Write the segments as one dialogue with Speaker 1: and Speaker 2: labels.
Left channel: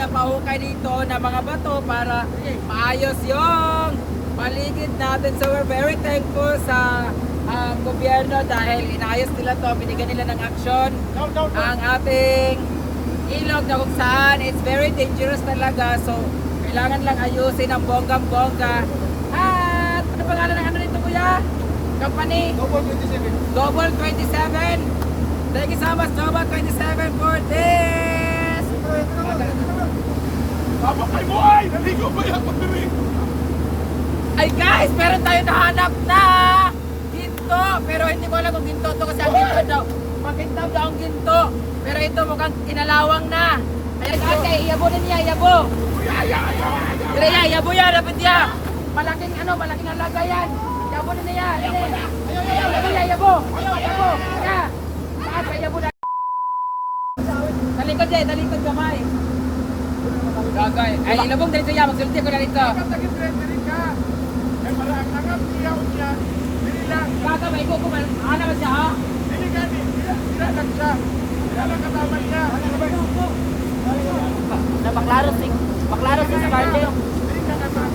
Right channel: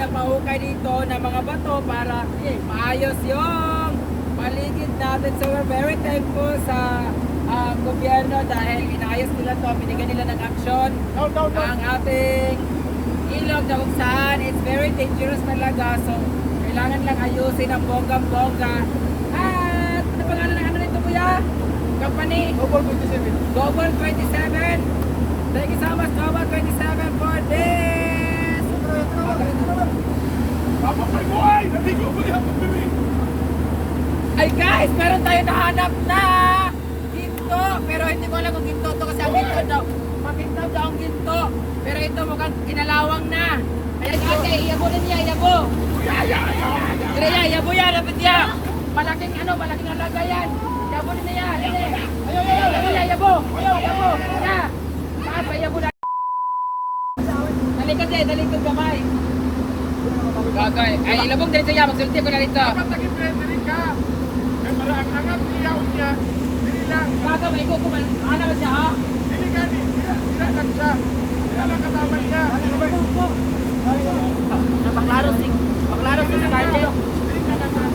Speaker 1: pinapahukay dito ng mga bato para maayos yung paligid natin. So we're very thankful sa ah, gobyerno dahil inayos nila to, binigyan nila ng aksyon ang ating ilog na kung saan it's very dangerous talaga. So kailangan lang ayusin ang bonggang-bongga. At ano pangalan ng ano nito kuya? Company? Global 27. Thank you so much, Global 27 for this.
Speaker 2: Papapay mo ay! Naligo ba yan pag dinig?
Speaker 1: Ay guys, meron tayo nahanap na ginto. Pero hindi ko alam kung ginto to kasi ang ginto daw. Makintaw daw ang ginto. Pero ito mukhang kinalawang na. Ayan ate, iyabo na niya, iyabo. Dire ya, iyabo yan, dapat ya. Malaking ano, malaking halaga yan. Iyabo na niya, dire. Iyabo ya, iyabo. Iyabo, ya. Taas iyabo na. Talikod yan, talikod kamay. Gagay. Ay, ilabong din siya, magsulti ko na dito.
Speaker 2: Dapat naging friendly ka. Kaya para ang angat niyaon niya, dili lang.
Speaker 1: Baka may kukuman. Ano ba siya, ha?
Speaker 2: Dili gani, dila, dila lang siya. Dila lang kasama niya.
Speaker 1: Maklaro sing, maklaro sing sa market.
Speaker 2: Dili ka kasama.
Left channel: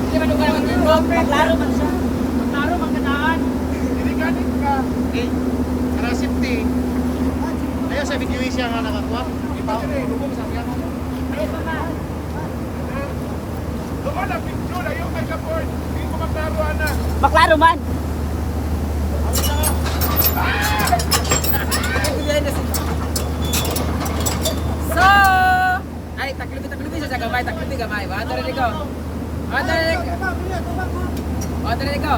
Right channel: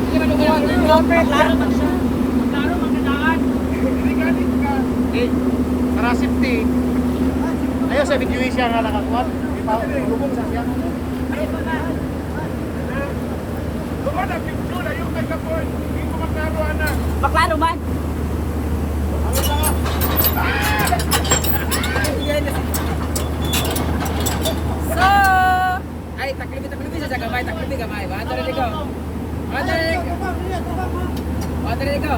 Speaker 1: Hindi ba nung ang tiro? Maklaro man siya. Maklaro man kadaan.
Speaker 2: Dili gani ka.
Speaker 3: Para safety. Ayaw sa video siya nga nakatwag.
Speaker 2: Na, picture. Ayaw kay Kapoy. Hindi ko maklaro.
Speaker 1: So, ay taklubi taklubi sa gamay, taklubi gamay. Wa to rin ko. Wa to rin ko.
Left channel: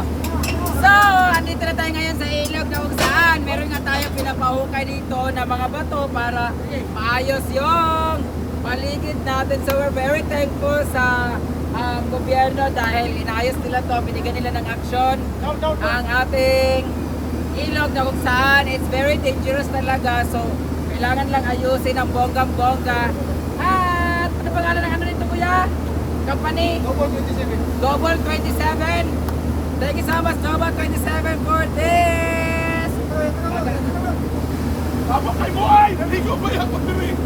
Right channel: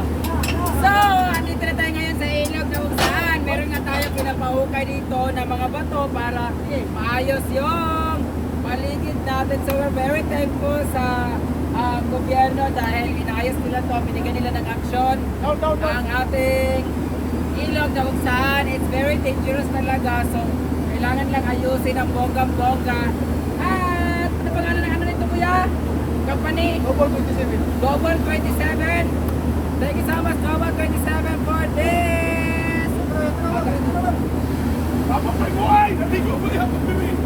Speaker 1: So, andito na tayo ngayon sa ilog na kung saan meron nga tayo pinapahukay dito ng mga bato para maayos yung paligid natin. So, we're very thankful sa ah, gobyerno dahil inayos nila to, binigyan nila ng aksyon ang ating ilog na kung saan it's very dangerous talaga. So, kailangan lang ayusin ang bonggang-bongga. At ano pangalan ng ano nito kuya? Company? Global 27. Thank you so much, Global 27 for this.
Speaker 2: Papapay mo ay! Naligo ba yan pag dinig?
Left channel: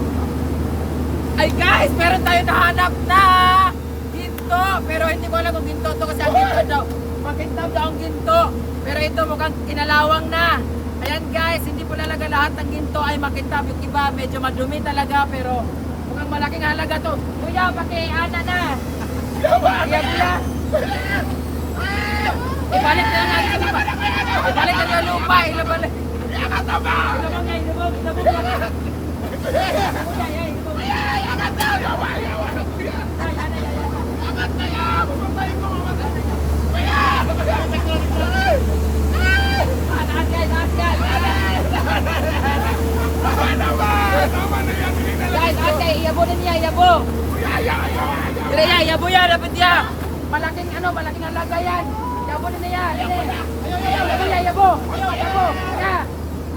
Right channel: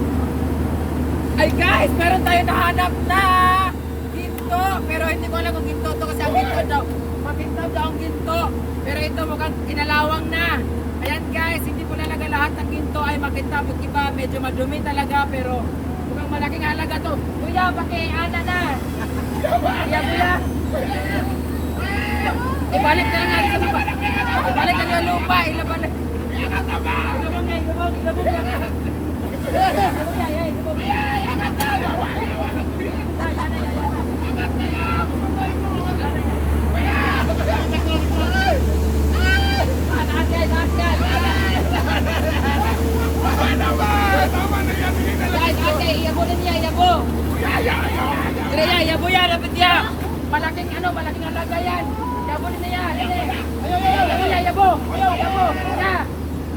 Speaker 1: Ay guys, meron tayo nahanap na ginto. Pero hindi ko alam kung ginto to kasi ang ginto daw. Makintaw daw ang ginto. Pero ito mukhang kinalawang na. Ayan guys, hindi po talaga lahat ng ginto ay makintab. Yung iba medyo madumi talaga pero mukhang malaking halaga to. Kuya, paki-ana na. Kuya, kuya. Ibalik na lang natin sa lupa. Ibalik na yung lupa. Ilabang nga, ilabang, ilabang nga. Ilabang yeah, ilabang. Ay, ana, ay, ana. Taas guys, taas guys.
Speaker 2: Tama naman! Tama na yan! Dili na lang.
Speaker 1: Guys, ate, iyabo na niya, iyabo. Dire ya, iyabo yan, dapat ya. Malaking ano, malaking halaga yan. Iyabo na niya, dire. Iyabo ya, iyabo. Iyabo, ya.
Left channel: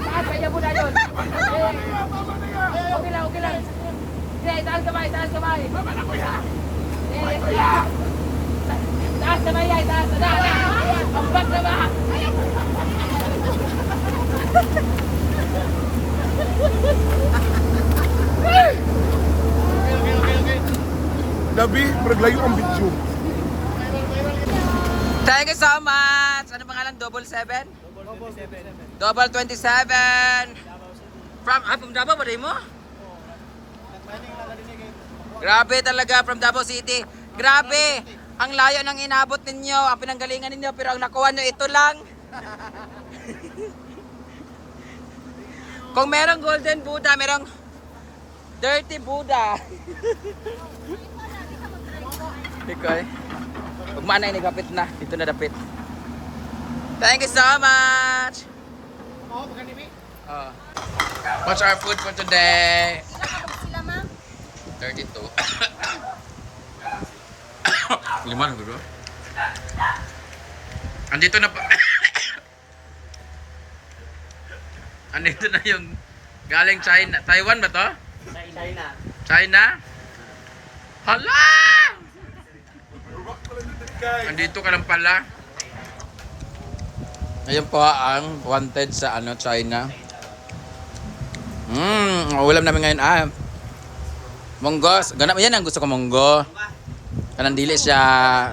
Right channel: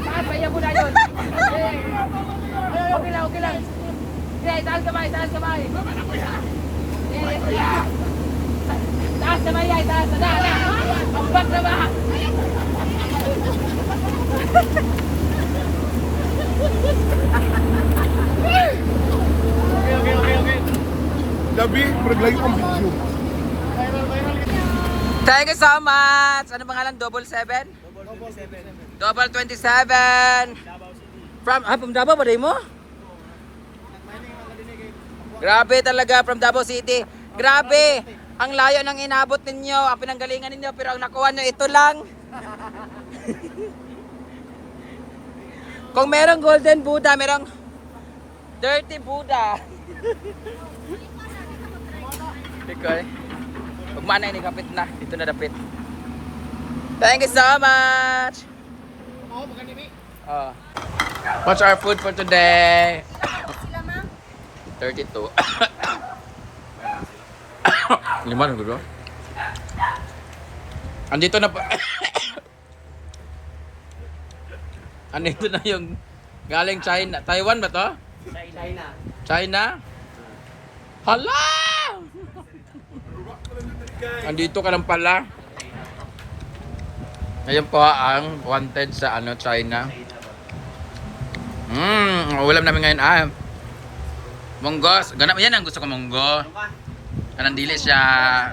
Speaker 1: Taas pa, iyabo na yun. Eh, Okay lang, okay lang. Dire, taas kamay, taas kamay.
Speaker 2: Tama na kuya!
Speaker 1: Eh,
Speaker 2: Kuya!
Speaker 1: Taas kamay yan, taas na, na. Ambak na ba?
Speaker 2: Labi, maglayo ang video.
Speaker 1: Thank you so much. Ano pangalan? Double seven? Double 27. From, ah, from Davao ba mo? Grabe talaga from Davao City. Grabe. Ang layo ng inabot ninyo, ang pinanggalingan ninyo, pero ang nakuha nyo ito lang. Kung merong golden Buddha, merong dirty Buddha. Okay. Pag manay nagapit na, dito na dapit. Thank you so much. Oh. What's our food for today? 32. Lima na gulo. Andito na pa. Andito na yung galing China. Taiwan ba to? China. China? Hala! Andito ka lang pala. Ngayon po ang wanted sa ano China. Mm, ulam namin ngayon ah.
Speaker 4: Monggos, ganap yan ang gusto ko monggo. Kanang dili siya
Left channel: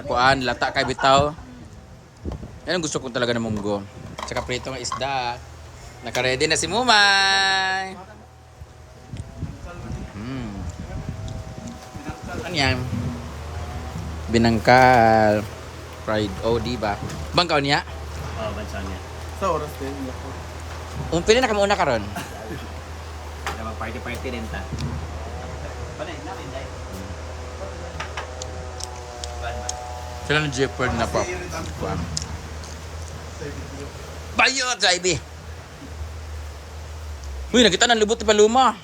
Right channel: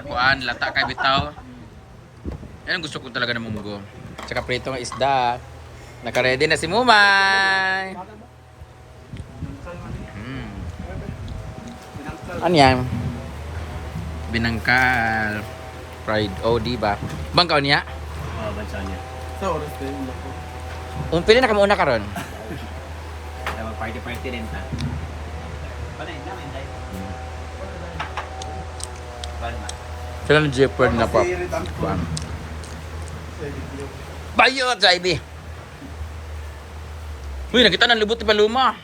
Speaker 4: kuan lata kay bitaw. Yan ang gusto ko talaga ng munggo. Tsaka prito ng isda. Naka-ready na si Mumay. Mm. Ano yan? Binangkal. Fried. Oh, di ba? Bangkaw niya?
Speaker 5: Oo, bansa niya.
Speaker 2: Sa oras din. Lako.
Speaker 4: Um, pili na kami una karon.
Speaker 5: Kaya mag-party-party din pa.
Speaker 4: Sila ng Jeopard na pop. Kuan. Bayot sa IB. Uy, nakita ng lubot ni Paluma.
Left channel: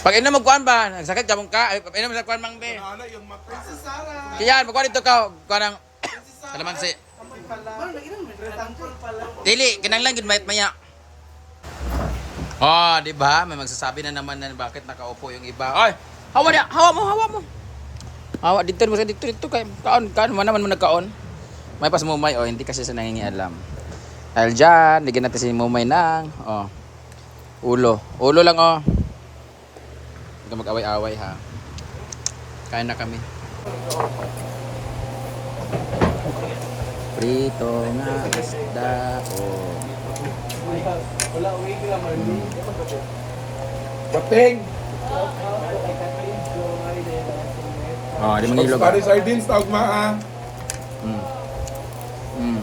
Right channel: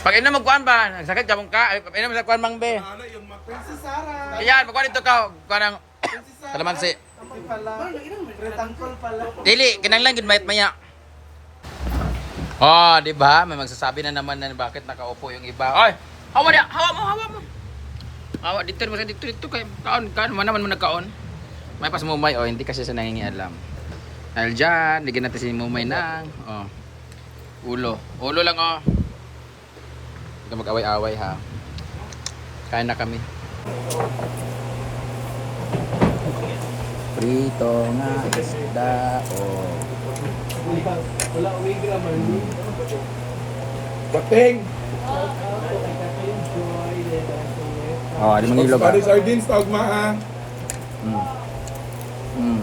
Speaker 4: Pag ina magkuan ba, sakit ka mong ka, ay, ina magkuan mang be.
Speaker 2: Ano yung Princess Sarah?
Speaker 4: Iyan, magkuan dito ka, kuan ng kalamansi. Dili, kinanglan gud mayat maya. Oh, di ba? May magsasabi na naman na bakit nakaupo yung iba. Oy, hawa niya, hawa mo, hawa mo. Hawa dito mo sa dito dito kay kaon, kaon man naman mo nagkaon. May pas mumay oh, hindi kasi sa nangingialam. Dahil dyan, ligyan natin si mumay ng oh, ulo. Ulo lang oh. Huwag mag-away-away ha. Kain na kami. Prito nga isda oh.
Speaker 2: Bating.
Speaker 4: Oh, di mangilog ah.
Speaker 2: Sorry, sardines, tawag maa.
Speaker 4: Mm. Mm.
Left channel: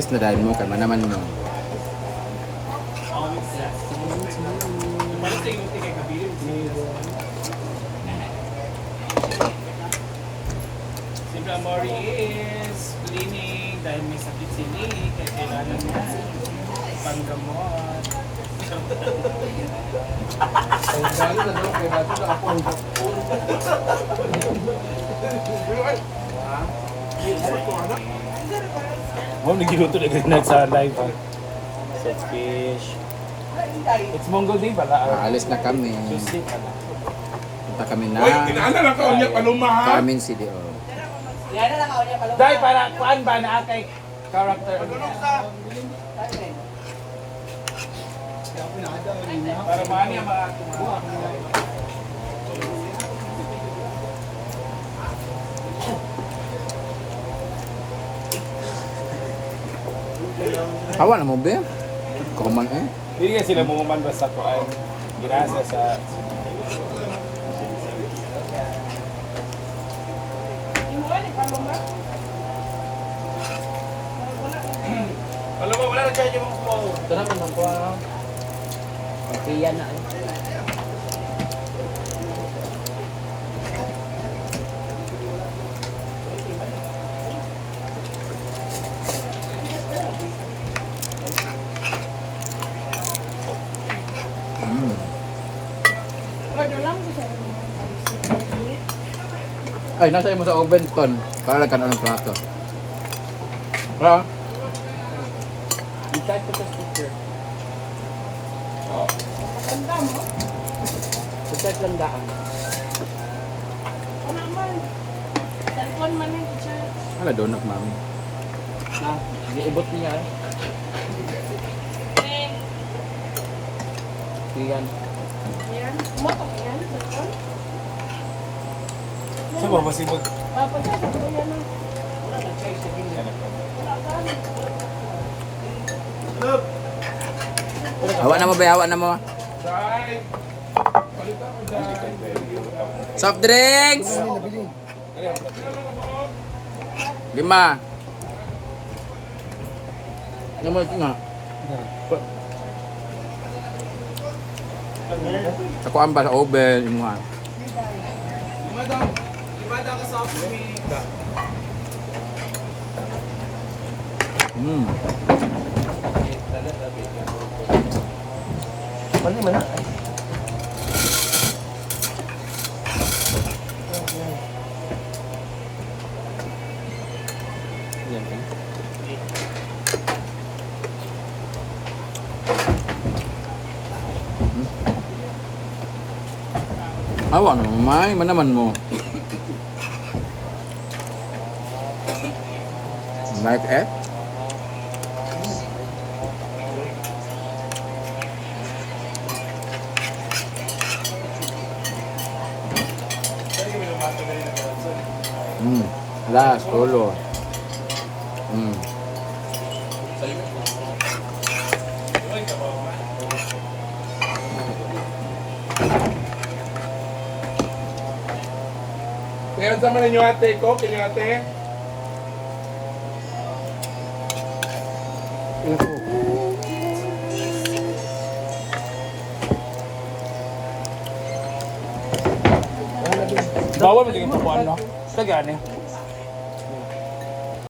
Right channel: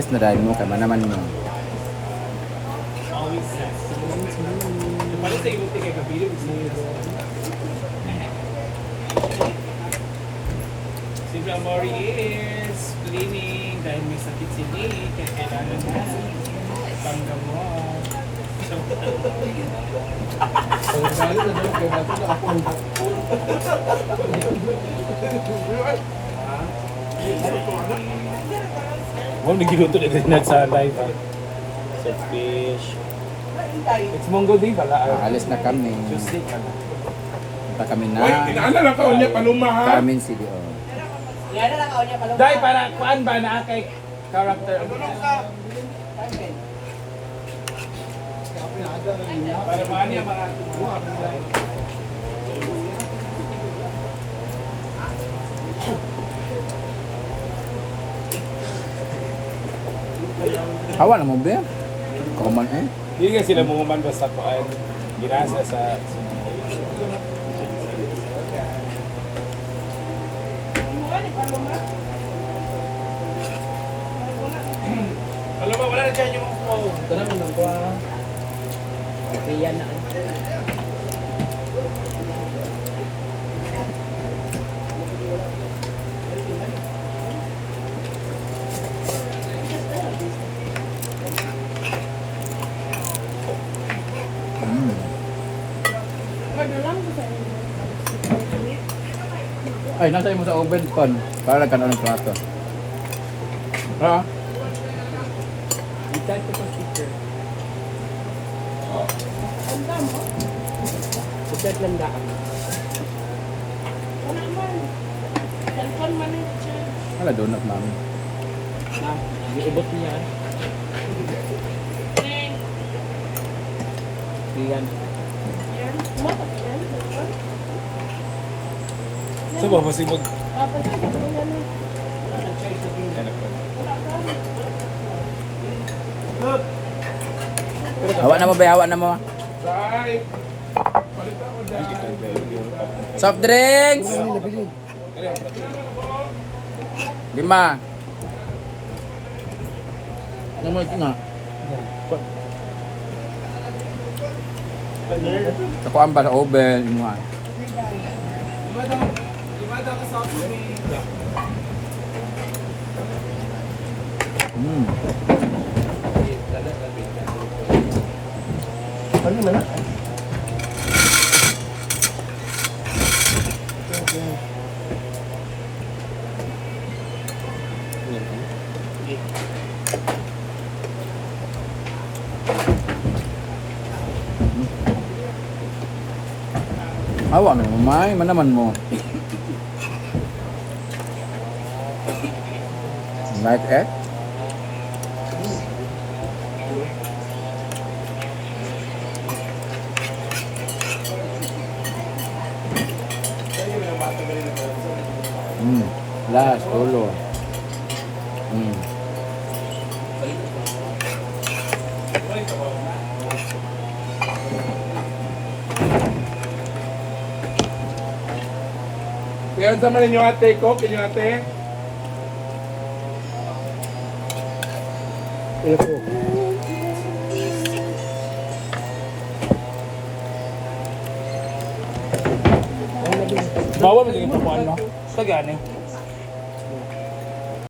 Speaker 4: Alis na dahil mo, kama naman mo.
Speaker 6: Si Amori is cleaning dahil may sakit si Nick kaya kailangan mo panggamot. So, Mo nagiluto na ganyan sa live. Set fish. It's Mongol Day ba?
Speaker 4: Aalis na kami. Punta kami na
Speaker 2: Uy, kinala lang ka ulit, paluma ha.
Speaker 4: Carmen City. Oh.
Speaker 6: Dahil para kuan ba na kay character. Para manya ba
Speaker 4: Hawa na mo, be? Kakuman eh.
Speaker 6: Hindi nga sila mumuman basta kuan. Ginasa sa Alam mo, wala na dyan yung mga
Speaker 4: Mm. Ay, nasa mo sa oven ton. Para lang ka na ng plato. Ha?
Speaker 7: I-type ko sa sticker. I-type lang daan.
Speaker 2: Hala, donut, mami.
Speaker 7: Na, iubot niya eh. Iyan.
Speaker 2: Sa ba, masibag?
Speaker 4: Hawa na mo ba? Hawa na mo. Soft drinks! Lima. Naman nga. Sa kuan ba sa oven, imuha. Mm. Awa na mamay, manaman mo. Like it? Mm. Last, ulo. Mm.
Speaker 2: Kaya sa man ninyo ate ko, kinyo ate.
Speaker 7: Bawa mo mo ano? Sa gani.